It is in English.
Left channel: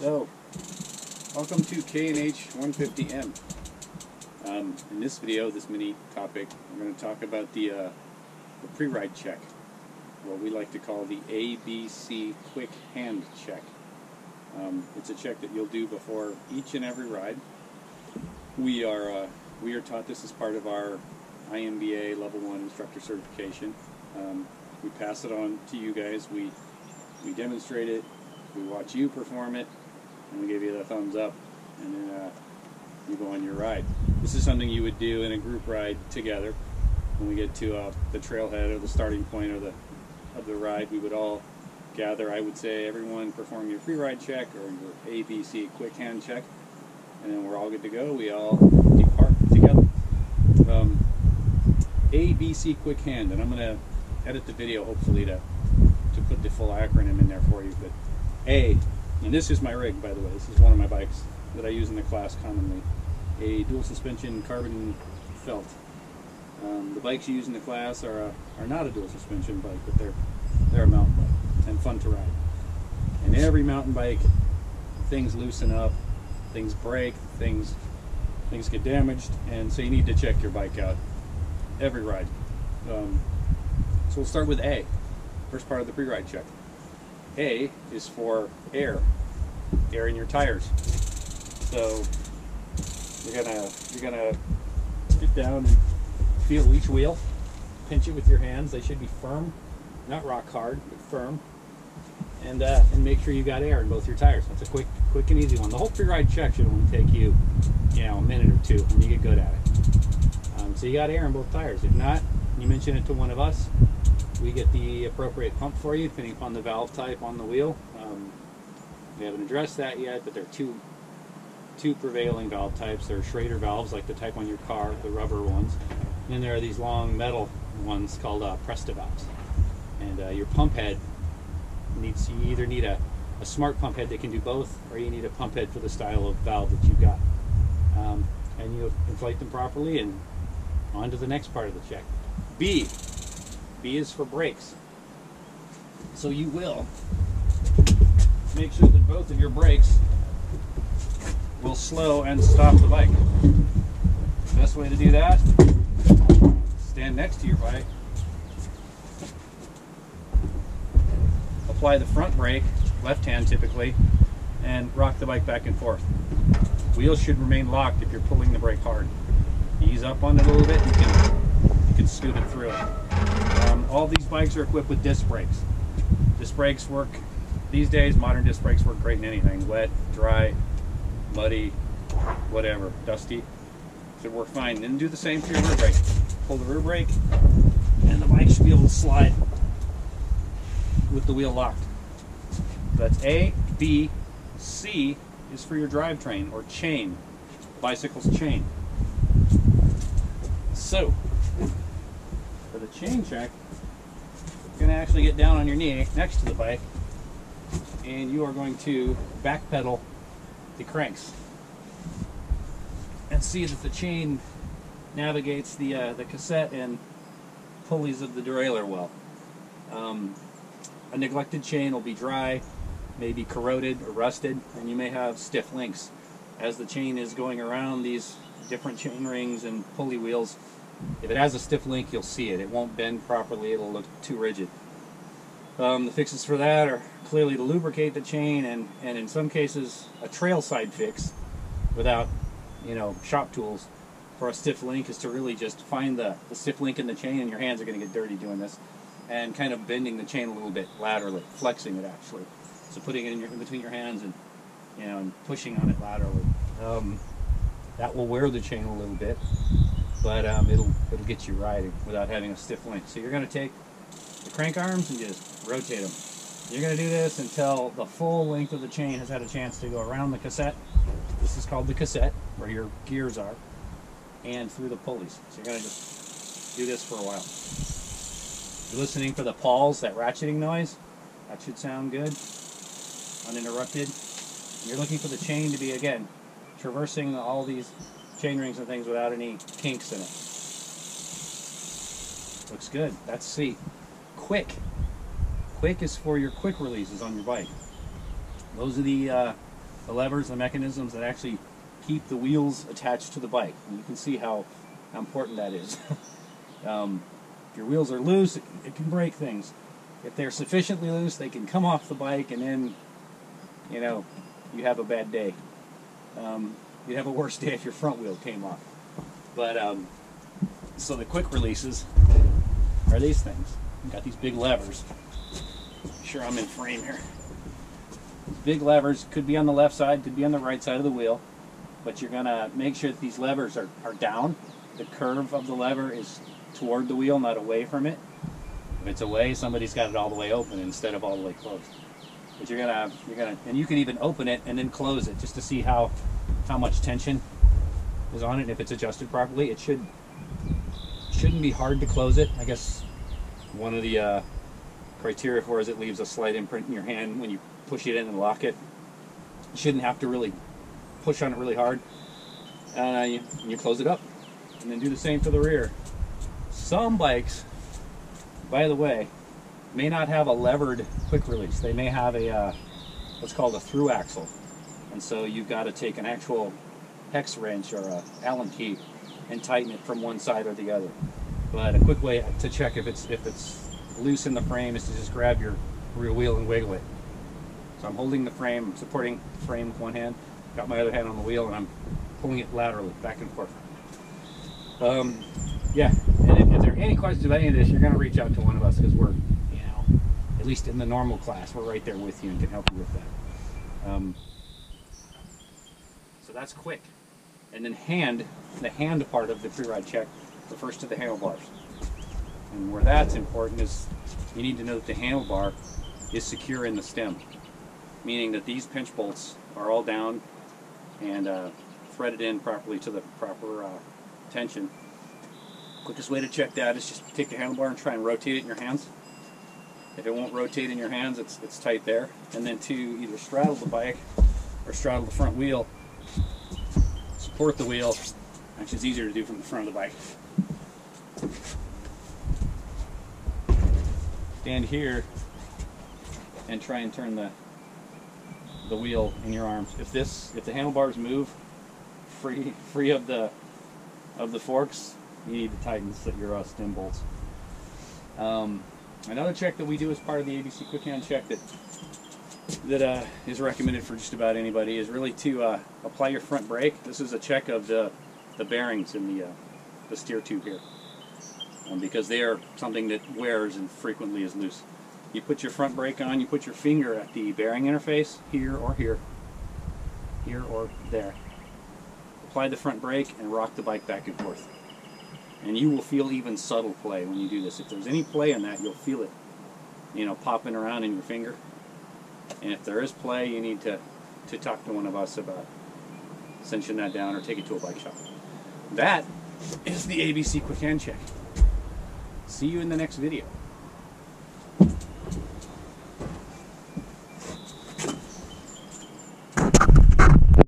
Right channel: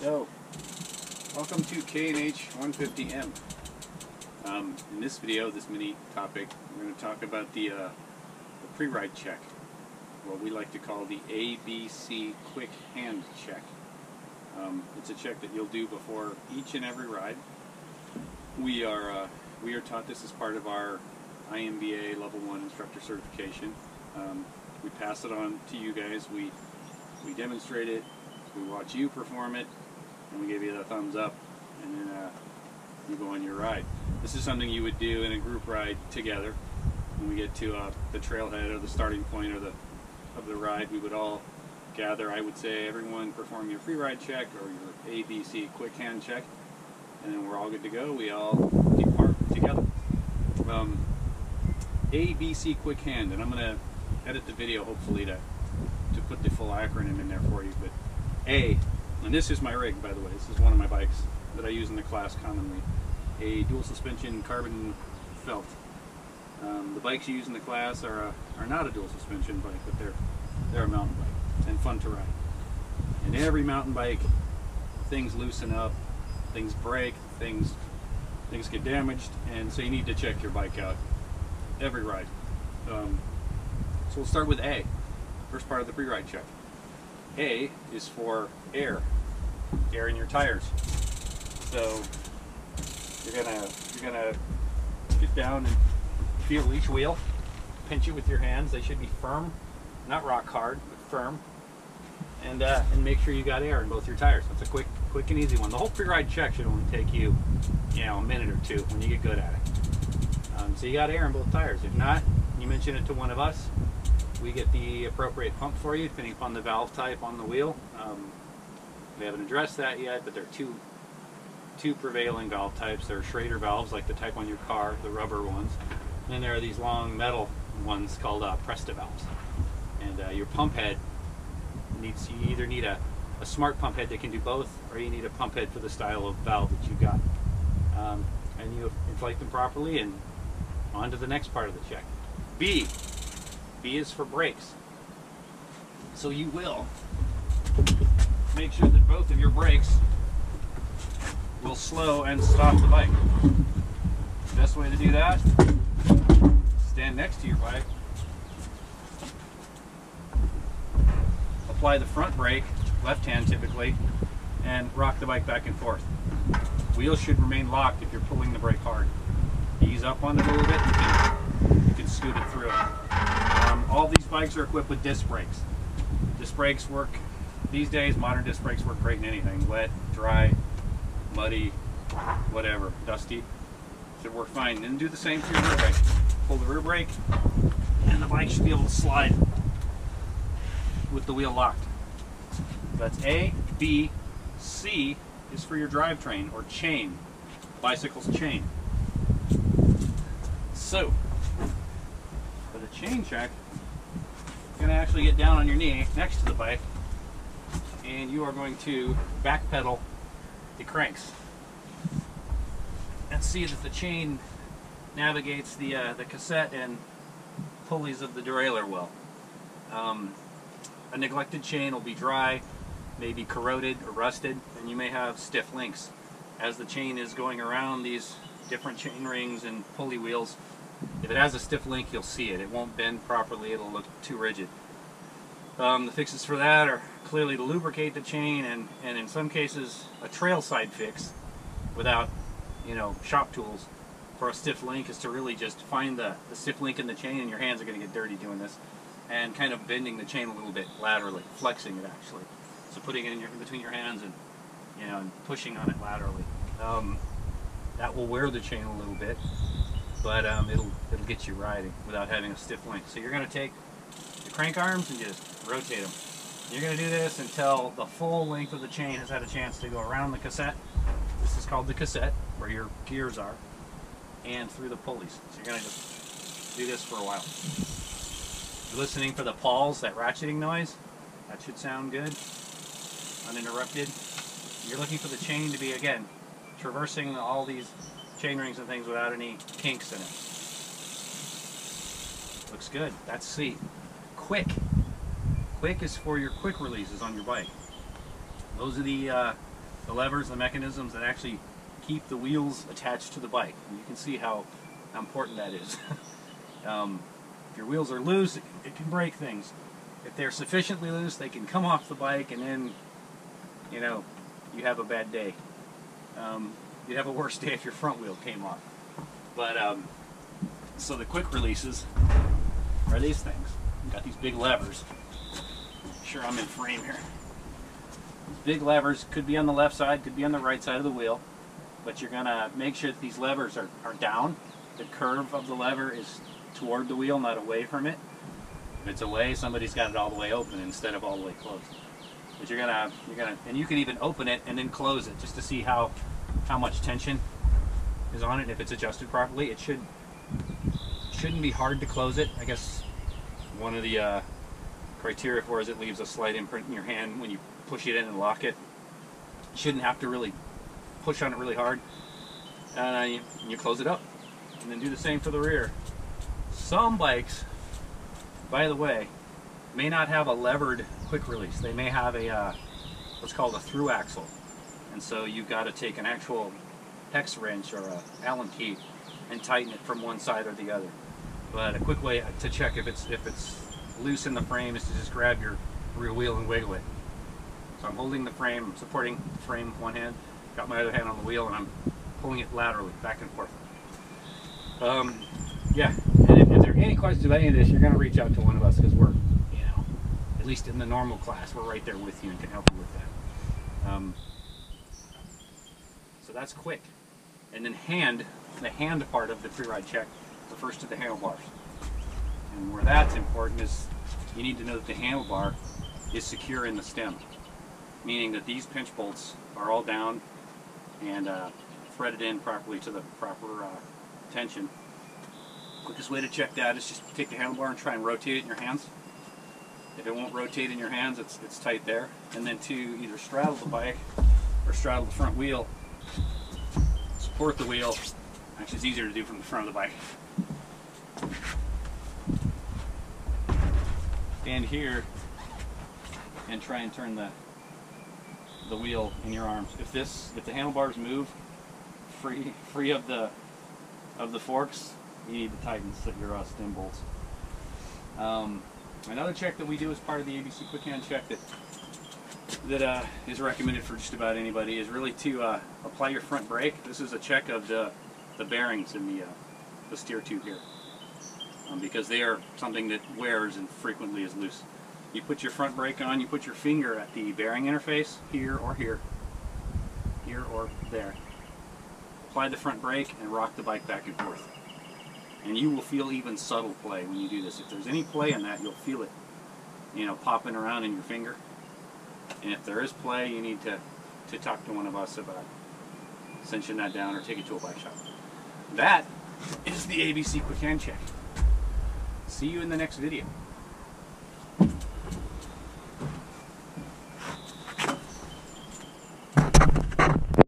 So, welcome to KNH150M. In this video, this mini topic, we're going to talk about the pre-ride check, what we like to call the ABC quick hand check. It's a check that you'll do before each and every ride. We are taught this as part of our IMBA Level 1 instructor certification. We pass it on to you guys. We demonstrate it, we watch you perform it, and we give you the thumbs up, and then you go on your ride. This is something you would do in a group ride together. When we get to the trailhead or the starting point of the ride, we would all gather. I would say everyone perform your pre-ride check or your ABC quick hand check, and then we're all good to go. We all depart together. ABC quick hand, and I'm going to edit the video hopefully to put the full acronym in there for you. But A, and this is my rig, by the way. This is one of my bikes that I use in the class commonly. A dual suspension carbon felt. The bikes you use in the class are not a dual suspension bike, but they're a mountain bike and fun to ride. And every mountain bike, things loosen up, things break, things get damaged, and so you need to check your bike out every ride. So we'll start with A, first part of the pre-ride check. A is for air in your tires. So you're gonna get down and feel each wheel, pinch it with your hands. They should be firm, not rock hard, but firm, and make sure you got air in both your tires. That's a quick and easy one. The whole pre-ride check should only take you, a minute or two when you get good at it. So you got air in both tires. If not, you mention it to one of us. We get the appropriate pump for you, depending upon the valve type on the wheel. We haven't addressed that yet, but there are two prevailing valve types. There are Schrader valves, like the type on your car, the rubber ones. And then there are these long metal ones called Presta valves. And your pump head you either need a smart pump head that can do both, or you need a pump head for the style of valve that you've got. And you inflate them properly, and on to the next part of the check. B is for brakes. So you will make sure that both of your brakes will slow and stop the bike. Best way to do that, stand next to your bike, apply the front brake, left hand typically, and rock the bike back and forth. Wheels should remain locked if you're pulling the brake hard. Ease up on it a little bit, you can scoot it through it. All these bikes are equipped with disc brakes. Disc brakes work, these days modern disc brakes work great in anything, wet, dry, muddy, whatever, dusty. Should work fine. Then do the same for your rear brake. Pull the rear brake, and the bike should be able to slide with the wheel locked. That's A. B. C is for your drivetrain or chain, bicycle's chain. So, for the chain check, you're going to actually get down on your knee next to the bike, and you are going to backpedal the cranks and see that the chain navigates the cassette and pulleys of the derailleur well. A neglected chain will be dry, maybe corroded or rusted, and you may have stiff links. As the chain is going around these different chain rings and pulley wheels, if it has a stiff link, you'll see it. It won't bend properly, it'll look too rigid. The fixes for that are clearly to lubricate the chain, and in some cases a trail side fix without shop tools for a stiff link is to really just find the stiff link in the chain, and your hands are going to get dirty doing this, and kind of bending the chain a little bit laterally, flexing it actually. So putting it in between your hands and and pushing on it laterally. That will wear the chain a little bit, but it'll get you riding without having a stiff link. So you're going to take the crank arms and just rotate them. You're going to do this until the full length of the chain has had a chance to go around the cassette. This is called the cassette, where your gears are, and through the pulleys. So you're going to just do this for a while. You're listening for the pawls, that ratcheting noise. That should sound good, uninterrupted. And you're looking for the chain to be, again, traversing all these chain rings and things without any kinks in it. Looks good. That's C. Quick quick is for your quick releases on your bike. Those are the levers, the mechanisms that actually keep the wheels attached to the bike. And you can see how important that is. If your wheels are loose, it can break things. If they're sufficiently loose, they can come off the bike, and then, you know, you have a bad day. You'd have a worse day if your front wheel came off. But, so the quick releases are these things. You've got these big levers. Make sure I'm in frame here. These big levers could be on the left side, could be on the right side of the wheel, but you're going to make sure that these levers are down. The curve of the lever is toward the wheel, not away from it. If it's away, somebody's got it all the way open instead of all the way closed. But you're gonna, and you can even open it and then close it just to see how much tension is on it. If it's adjusted properly, it shouldn't be hard to close it. I guess one of the criteria for is it leaves a slight imprint in your hand when you push it in and lock it. You shouldn't have to really push on it really hard. You close it up, and then do the same for the rear. Some bikes, by the way, may not have a levered quick release. They may have a what's called a through axle, and so you've got to take an actual hex wrench or a Allen key and tighten it from one side or the other. But a quick way to check if it's loose in the frame is to just grab your rear wheel and wiggle it. So I'm holding the frame, I'm supporting the frame with one hand, got my other hand on the wheel, and I'm pulling it laterally back and forth. Yeah, and if there are any questions about any of this, you're going to reach out to one of us, because we're, you know, at least in the normal class, we're right there with you and can help you with that. So that's quick. And then the hand part of the pre-ride check refers to the handlebars. And where that's important is you need to know that the handlebar is secure in the stem, meaning that these pinch bolts are all down and threaded in properly to the proper tension. Quickest way to check that is just take the handlebar and try and rotate it in your hands. If it won't rotate in your hands, it's tight there. And then to either straddle the bike or straddle the front wheel, support the wheel. Actually, it's easier to do from the front of the bike. Stand here and try and turn the wheel in your arms. If the handlebars move free of the forks, you need to tighten your stem bolts. Another check that we do as part of the ABC Quick Hand check that is recommended for just about anybody is really to apply your front brake. This is a check of the bearings in the steer tube here, because they are something that wears and frequently is loose. You put your front brake on, you put your finger at the bearing interface, here or here or there. Apply the front brake and rock the bike back and forth. And you will feel even subtle play when you do this. If there's any play in that, you'll feel it, you know, popping around in your finger. And if there is play, you need to talk to one of us about cinching that down or take it to a bike shop. That is the ABC Quick Hand Check. See you in the next video.